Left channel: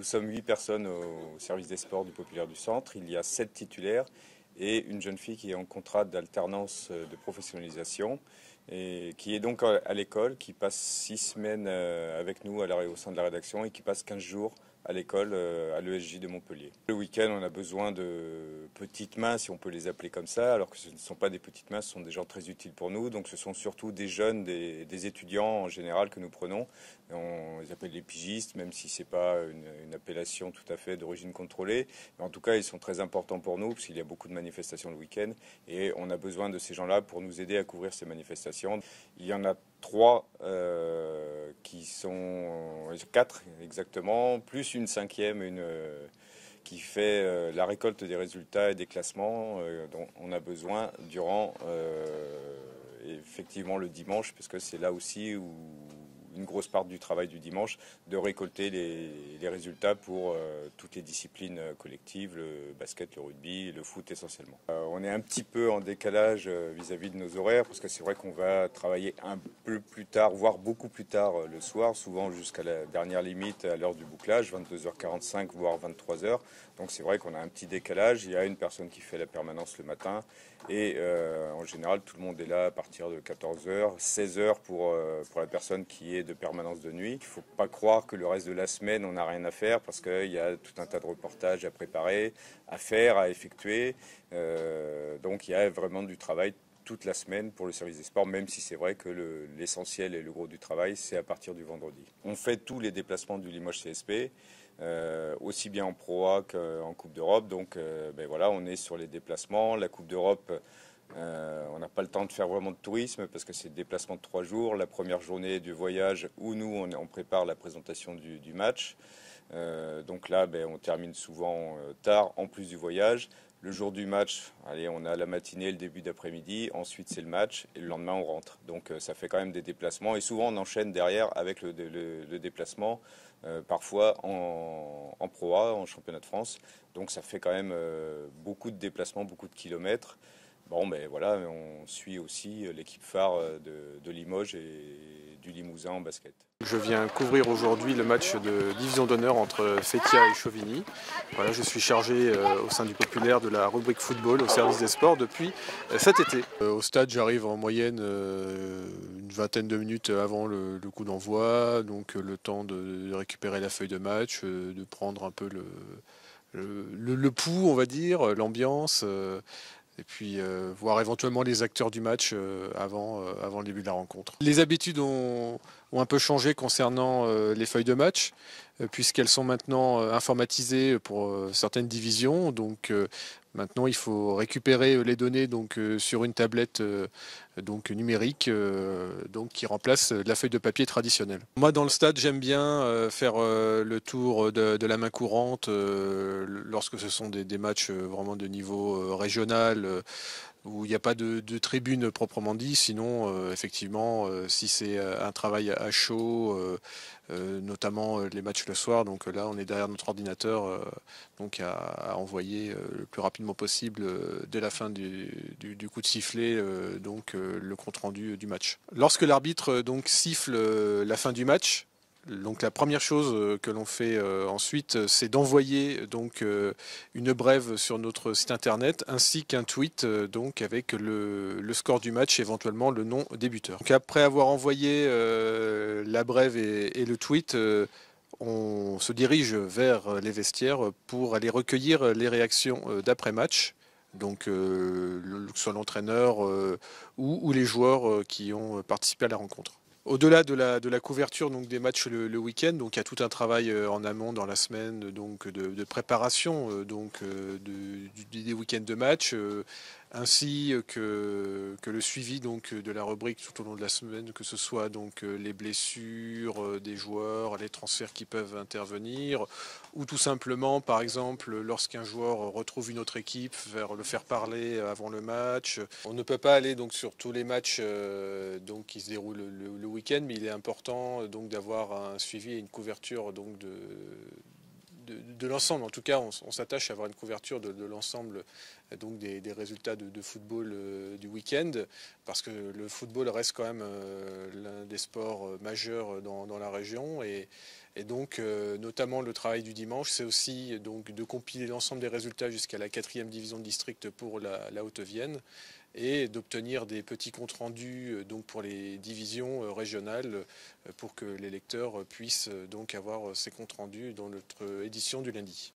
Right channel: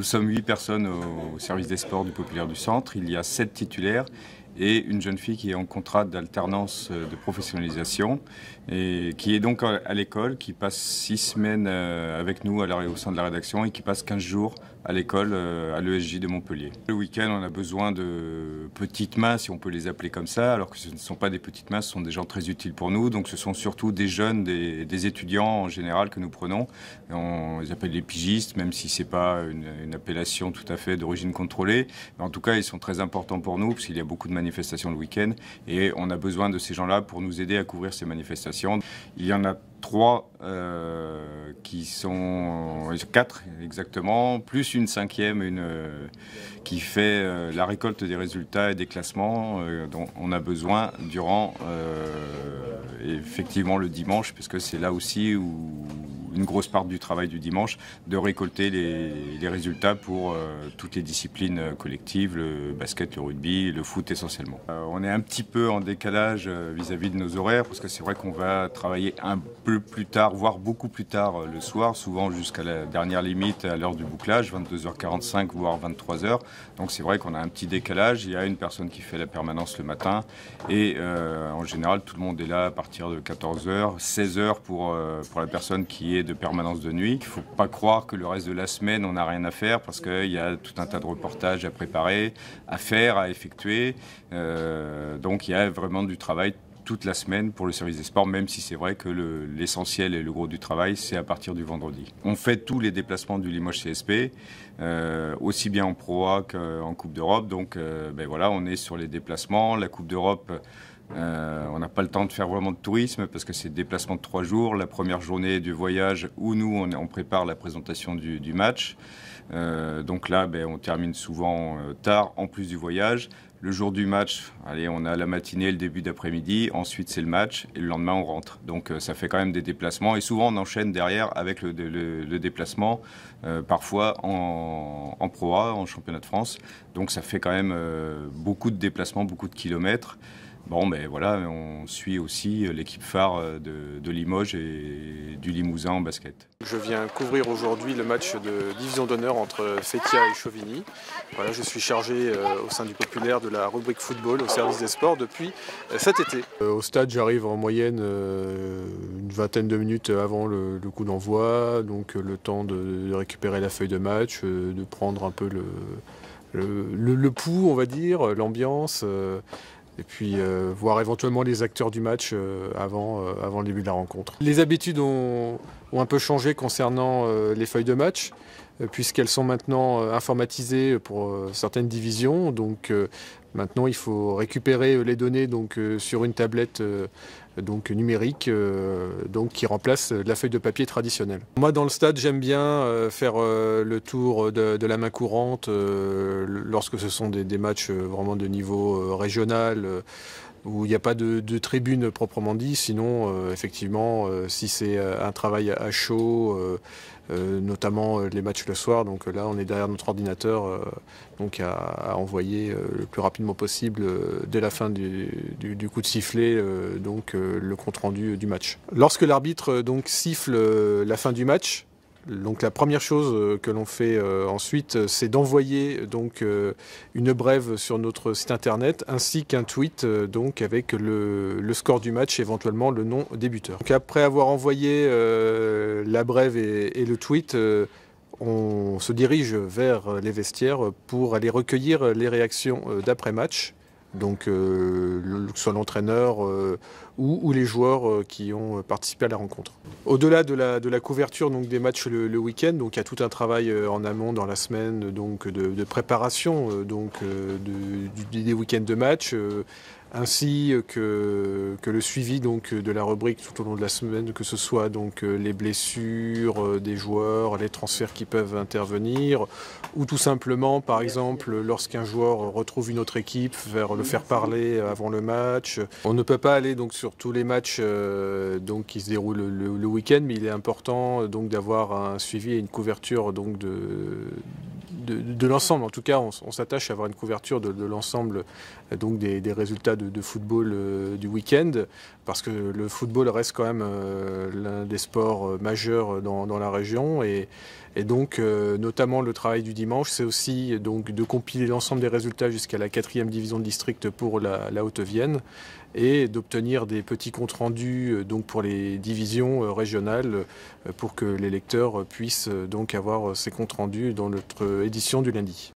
Nous sommes 8 personnes au service des sports du Populaire du Centre. Il y a 7 titulaires et une jeune fille qui est en contrat d'alternance de professionnalisation et qui est donc à l'école, qui passe 6 semaines avec nous au sein de la rédaction et qui passe 15 jours à l'école à l'ESJ de Montpellier. Le week-end, on a besoin de petites mains, si on peut les appeler comme ça, alors que ce ne sont pas des petites mains, ce sont des gens très utiles pour nous. Donc ce sont surtout des jeunes, des étudiants en général que nous prenons. On les appelle les pigistes, même si ce n'est pas une appellation tout à fait d'origine contrôlée. Mais en tout cas, ils sont très importants pour nous, parce qu'il y a beaucoup de manifestations le week-end. Et on a besoin de ces gens-là pour nous aider à couvrir ces manifestations. Il y en a 3 qui sont 4 exactement, plus une 5e, qui fait la récolte des résultats et des classements dont on a besoin durant effectivement le dimanche, parce que c'est là aussi où une grosse part du travail du dimanche, de récolter les résultats pour toutes les disciplines collectives, le basket, le rugby, le foot essentiellement. On est un petit peu en décalage vis-à-vis de nos horaires, parce que c'est vrai qu'on va travailler un peu plus tard, voire beaucoup plus tard le soir, souvent jusqu'à la dernière limite à l'heure du bouclage, 22h45 voire 23h. Donc c'est vrai qu'on a un petit décalage. Il y a une personne qui fait la permanence le matin et en général tout le monde est là à partir de 14h, 16h pour la personne qui est de permanence de nuit. Il ne faut pas croire que le reste de la semaine on n'a rien à faire, parce qu'il y a tout un tas de reportages à préparer, à faire, à effectuer. Donc il y a vraiment du travail toute la semaine pour le service des sports, même si c'est vrai que l'essentiel et le gros du travail, c'est à partir du vendredi. On fait tous les déplacements du Limoges CSP, aussi bien en Pro A qu'en Coupe d'Europe. Donc voilà, on est sur les déplacements. La Coupe d'Europe, on n'a pas le temps de faire vraiment de tourisme parce que c'est des déplacements de 3 jours. La première journée du voyage où nous, on prépare la présentation du match. Donc là, on termine souvent tard en plus du voyage. Le jour du match, allez, on a la matinée, le début d'après-midi, ensuite c'est le match et le lendemain on rentre. Donc ça fait quand même des déplacements et souvent on enchaîne derrière avec le déplacement, parfois en Pro A, en championnat de France. Donc ça fait quand même beaucoup de déplacements, beaucoup de kilomètres. Bon, mais voilà, on suit aussi l'équipe phare de Limoges et du Limousin en basket. Je viens couvrir aujourd'hui le match de division d'honneur entre Feytiat et Chauvigny. Voilà, je suis chargé au sein du Populaire de la rubrique football au service des sports depuis cet été. Au stade, j'arrive en moyenne une vingtaine de minutes avant le coup d'envoi, donc le temps de récupérer la feuille de match, de prendre un peu le pouls, on va dire, l'ambiance. Et puis voir éventuellement les acteurs du match avant le début de la rencontre. Les habitudes ont un peu changé concernant les feuilles de match, puisqu'elles sont maintenant informatisées pour certaines divisions. Donc maintenant il faut récupérer les données sur une tablette numérique qui remplace la feuille de papier traditionnelle. Moi dans le stade j'aime bien faire le tour de la main courante lorsque ce sont des matchs vraiment de niveau régional où il n'y a pas de tribune proprement dit. Sinon effectivement si c'est un travail à chaud, notamment les matchs le soir, donc là on est derrière notre ordinateur à envoyer le plus rapidement possible dès la fin du coup de sifflet le compte rendu du match. Lorsque l'arbitre siffle la fin du match, donc la première chose que l'on fait ensuite, c'est d'envoyer une brève sur notre site internet ainsi qu'un tweet avec le score du match, éventuellement le nom des buteurs. Donc après avoir envoyé la brève et le tweet, on se dirige vers les vestiaires pour aller recueillir les réactions d'après-match. Donc soit l'entraîneur ou les joueurs qui ont participé à la rencontre. Au-delà de la couverture des matchs le week-end, il y a tout un travail en amont dans la semaine de préparation des week-ends de match, ainsi que le suivi de la rubrique tout au long de la semaine, que ce soit les blessures des joueurs, les transferts qui peuvent intervenir, ou tout simplement, par exemple, lorsqu'un joueur retrouve une autre équipe, le faire parler avant le match. On ne peut pas aller sur tous les matchs qui se déroulent le week-end, mais il est important d'avoir un suivi et une couverture de l'ensemble. En tout cas, on s'attache à avoir une couverture de l'ensemble des résultats de football du week-end, parce que le football reste quand même l'un des sports majeurs dans la région, et Et donc, notamment le travail du dimanche, c'est aussi donc de compiler l'ensemble des résultats jusqu'à la 4e division de district pour la Haute-Vienne et d'obtenir des petits comptes rendus donc pour les divisions régionales pour que les lecteurs puissent donc avoir ces comptes rendus dans notre édition du lundi.